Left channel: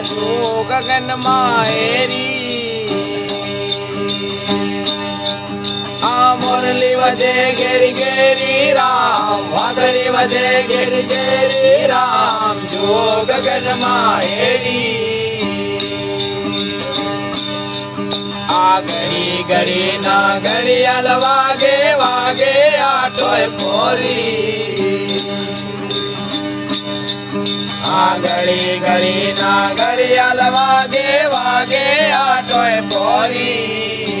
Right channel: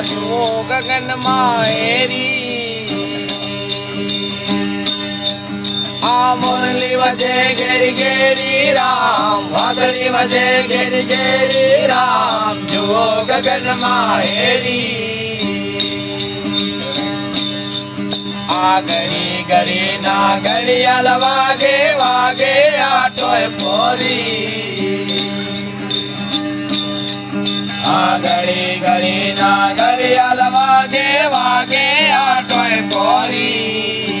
જો ગગન હેરી આ મુરલી વજે ઘેરી ઘેરી રામ, વાદળી વજે ઘેરી ઘેરી રામ જો ગગન હેરી આ ગરી ગરી ના ઘડિયાળ વાગે વાગે આટોય પોરી. આ ગરી ગરી ના ઘડિયાળ વાગે વાગે આટોય પોરી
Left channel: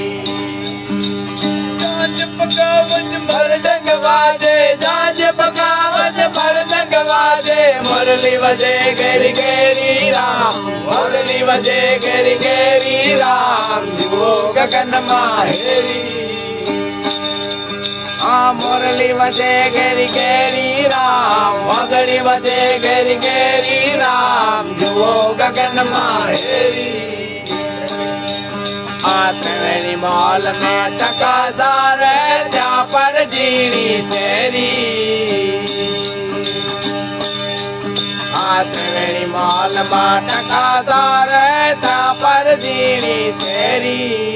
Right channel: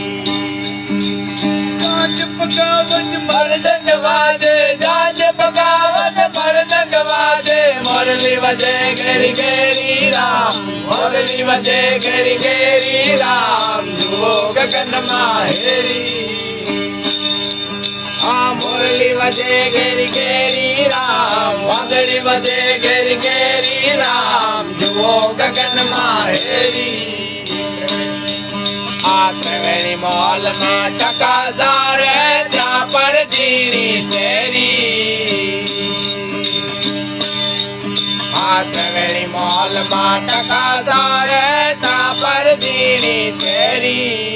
જાજ પકાવત મરદંગ વાજે જાજ પકાવત મરદંગ વાજે મુરલી વજે ઘેરી ઘેરી રામ મુરલી વજે ઘેરી ઘેરી રામ જુઓ ગગનમાં હેરી આ મુરલી વજે ઘેરી ઘેરી રામ વાદળી વજે ઘેરી ઘેરી રામ જુઓ ગગનમાં હેરી આ ત્રિવેણી માલમાં ટકાદાર ત્યાં પર જીરી ફેરી. આ ત્રિવેણી માલમાં ટકાદાર ત્યાં પર જીરી ફેરી.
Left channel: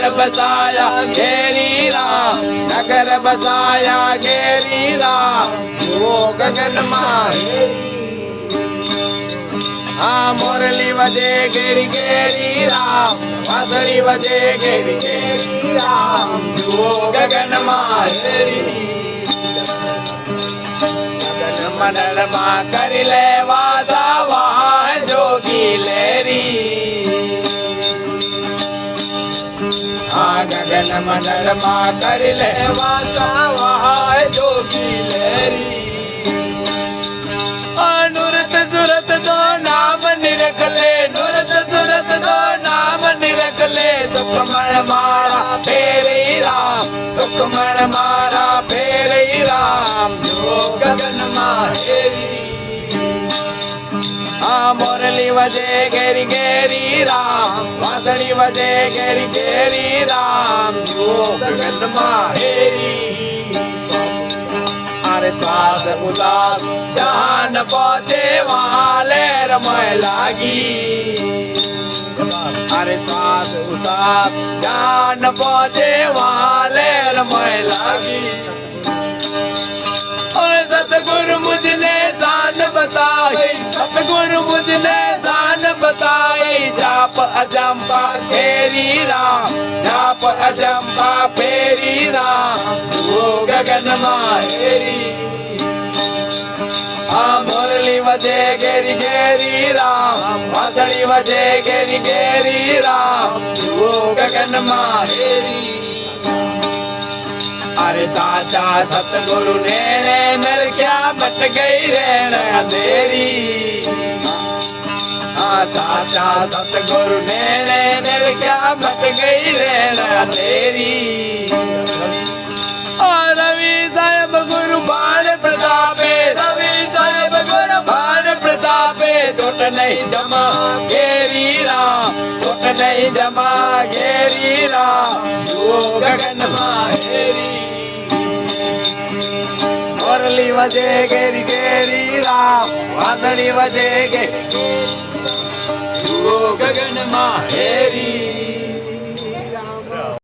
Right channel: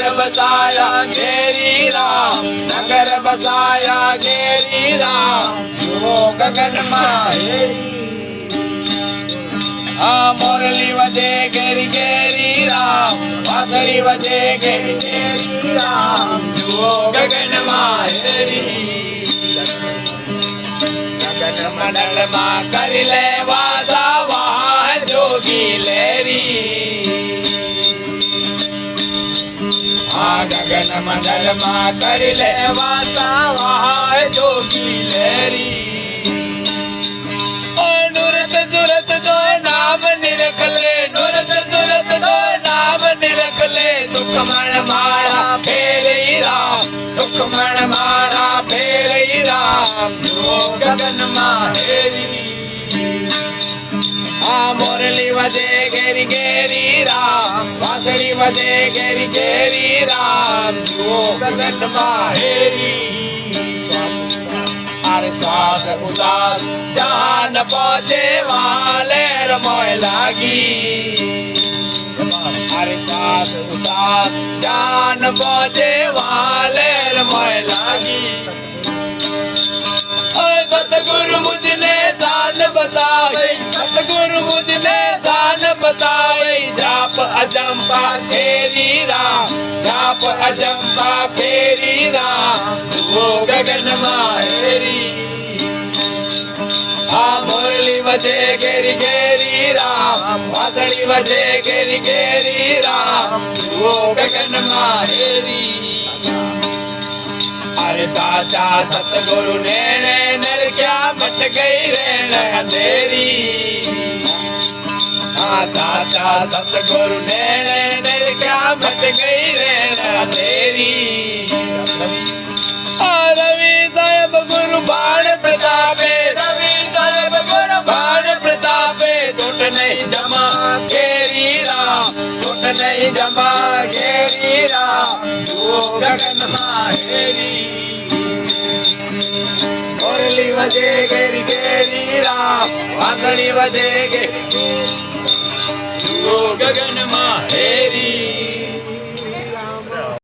નગર બસાયા ઘેરી રામ નગર બસાયા ઘેરી રામ જુઓ ગગનમાં હેરી આ મોરલી વજે ઘેરી ઘેરી રામ વાદળી વજે ઘેરી ઘેરી રામ જુઓ ગગનમાં હેરી ગગન મંડળમાં કરી લે नूरत दुर्तो नाम निरख ले नूरत दुरतो नाम निरख ले। सुख माड़ा भेड़ी रा सुखम माड़ा फेड़ी रागन હેરી આ મોરલી વજે ઘેરી ઘેરી રામ વાદળી વજે ઘેરી ઘેરી રામ જો ગગનમાં હેરી અરે શ્વાસ ઉદાસ જાન પહોંચે વાલે રમય લાગી અરે જાપ અજંબા ફેરી રામ જાપ અજંબા ફેરી રામ, જુઓ ગગનમાં હેરી આ મુરલી વજે ઘેરી ઘેરી રામ, વાદળી વજે ઘેરી ઘેરી રામ, જુઓ ગગનમાં હેરી અરે સાચા સતગુરુ ને નરક્યા મટ ગઈ રેણ હા સાચા સતગુરુ ને નર ક્યાં મટ ગઈ રેણા તેરી રવિ સાહેબ ગુરુ બાણ પ્રતાપે, રવિ સાહેબ ગુરુ બાણ પ્રતાપે ટોટ નહીં જમા ઘેરી રામ ટોટ નહીં જમા ઘેરી રામ. જુઓ ગગનમાં હેરી મોરલી વજે ઘેરી ઘેરી રામ, વાદળી વજે ઘેરી. જુઓ ગગનમાં હેરી